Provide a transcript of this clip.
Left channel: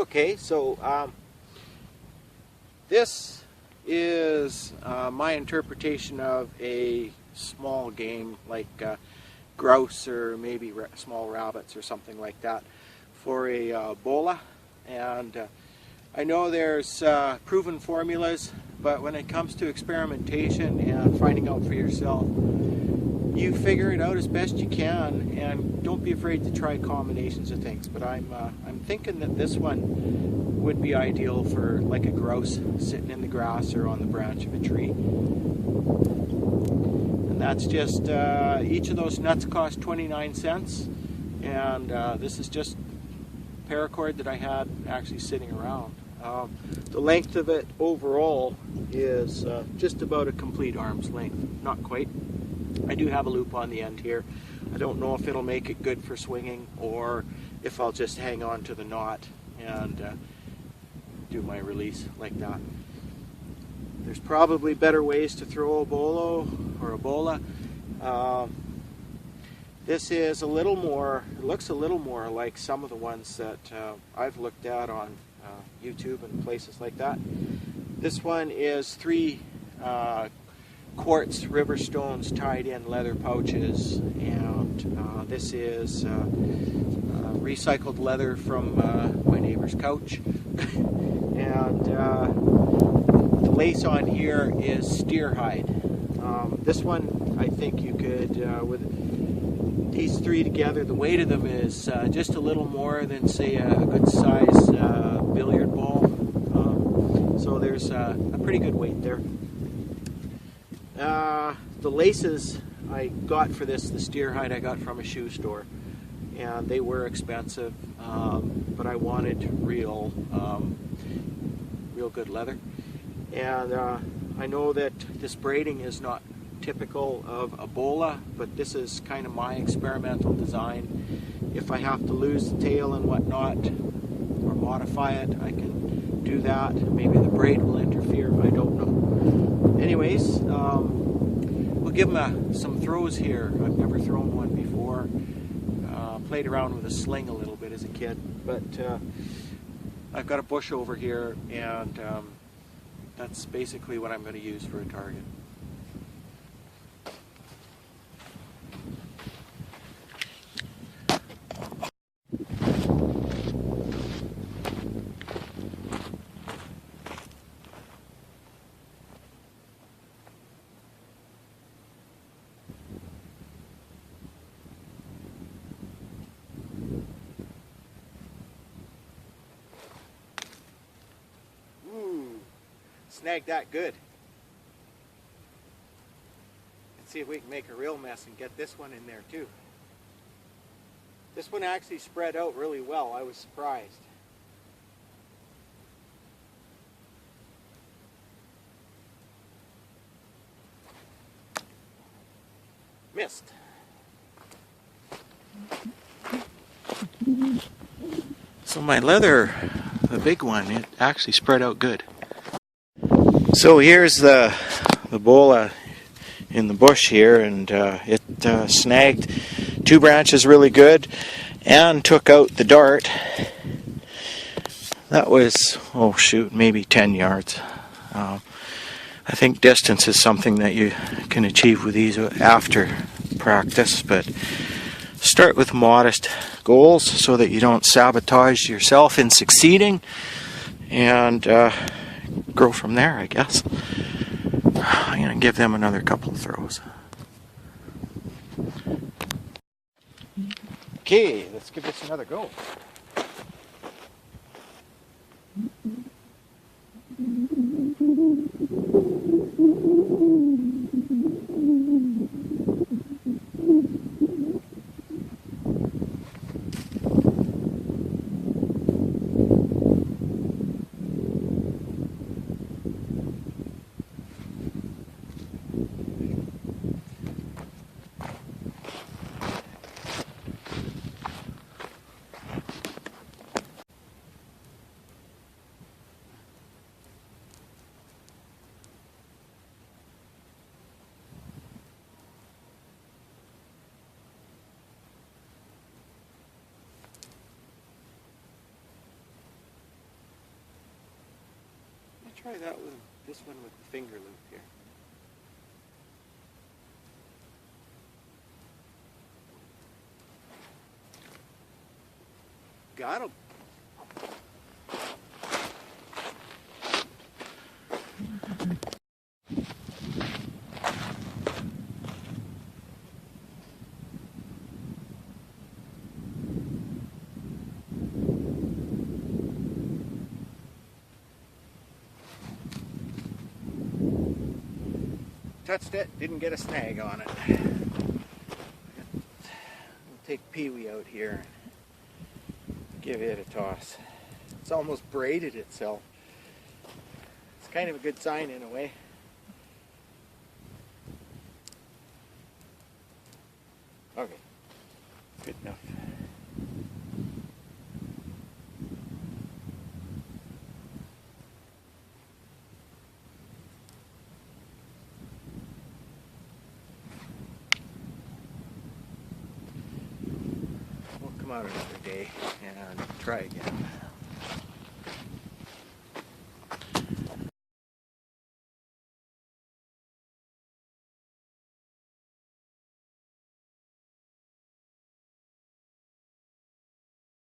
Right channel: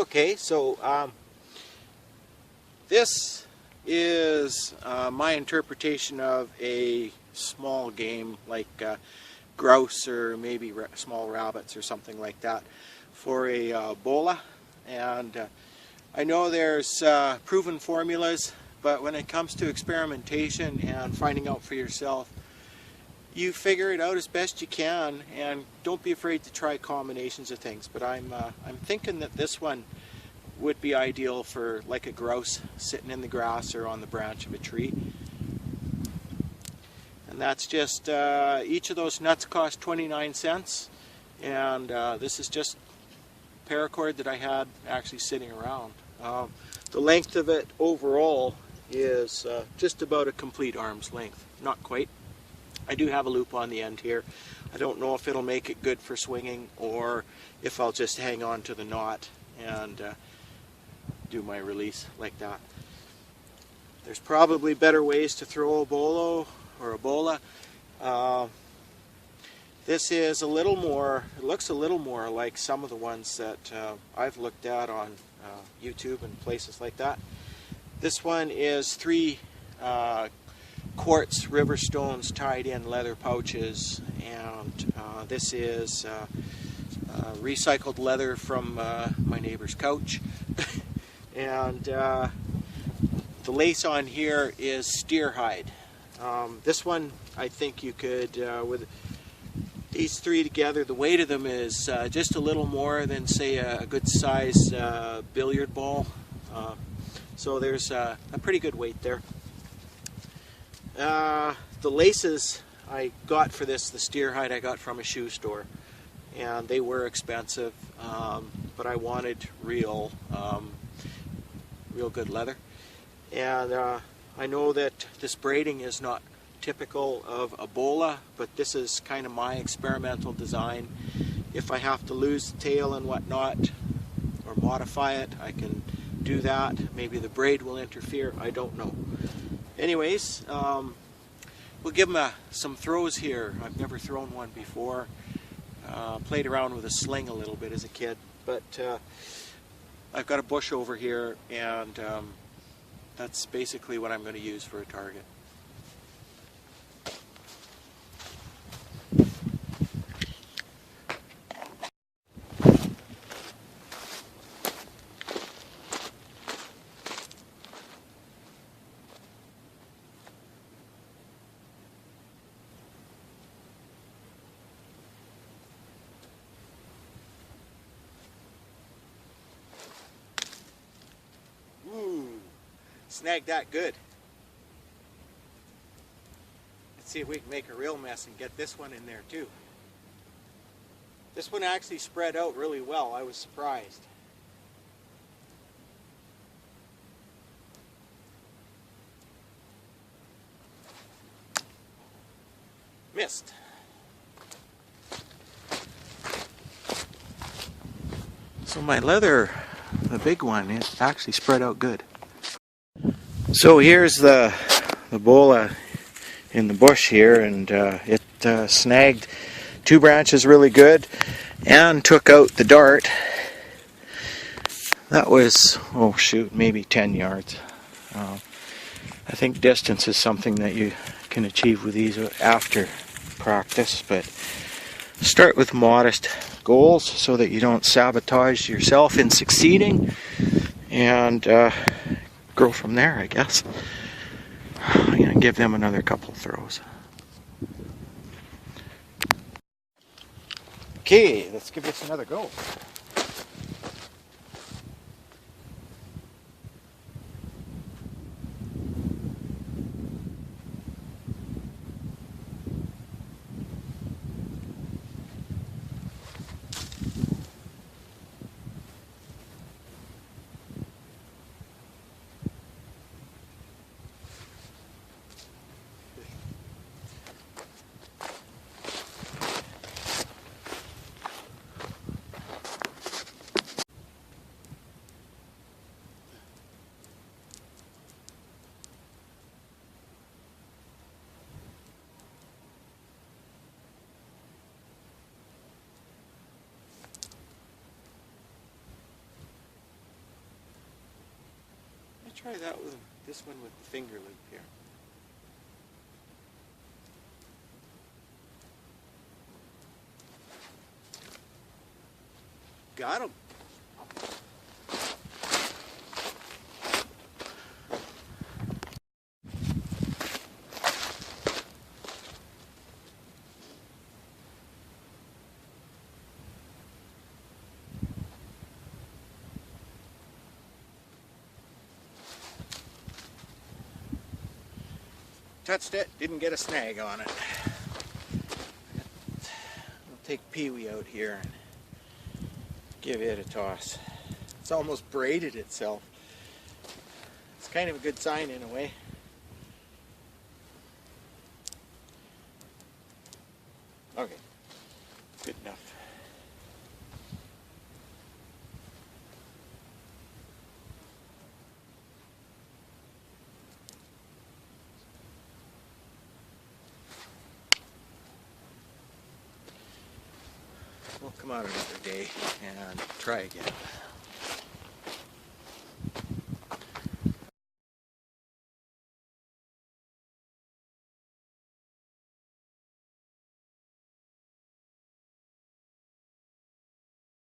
Okay, so this is my interpretation of a small game like grouse or maybe small rabbits or something like that for a bola. And I know there's proven formulas, but when it comes to experimentation and finding out for yourself, you figure it out as best you can, and don't be afraid to try combinations of things. But I'm thinking that this one would be ideal for like a grouse sitting in the grass or on the branch of a tree. And that's just each of those nuts cost 29 cents, and this is just paracord that I had actually sitting around. The length of it overall is just about a complete arm's length, not quite. I do have a loop on the end here. I don't know if it'll make it good for swinging or if I'll just hang on to the knot and do my release like that. There's probably better ways to throw a bolo or a bola. This is a little more, it looks a little more like some of the ones that I've looked at on YouTube and places like that. This one is 3 quartz river stones tied in leather pouches, and this is recycled leather from my neighbor's couch. And the lace on here is steer hide. This one I think you could, with these 3 together, the weight of them is just a little more than say a good size billiard ball. So there's a pretty good weight there. The laces I got for this, the steer hide, I got from a shoe store, and they were expensive, but I wanted real good leather. And I know that this braiding is not typical of a bola, but this is kind of my experimental design. If I have to lose the tail and whatnot or modify it, I can do that. Maybe the braid will interfere, I don't know. Anyways, we'll give them some throws here. I've never thrown one before. Played around with a sling a little bit as a kid, but I've got a bush over here, and that's basically what I'm going to use for a target. Snagged that good. Let's see if we can make a real mess and get this one in there too. This one actually spread out really well. I was surprised. Missed. So my leather, the big one, it actually spread out good. So here's the bola in the bush here, and it snagged 2 branches really good and took out the dart. That was, oh shoot, maybe 10 yards. I think distance is something that you can achieve with these after practice, but start with modest goals so that you don't sabotage yourself in succeeding, and grow from there, I guess. I'm going to give them another couple of throws. Okay, let's give this another go. try that with this one with the finger loop here. Got him. Touched it, didn't get a snag on it. We'll take Pee-wee out here and give it a toss. It's almost braided itself. It's kind of a good sign in a way. Okay, good enough. We'll come out another day and try again.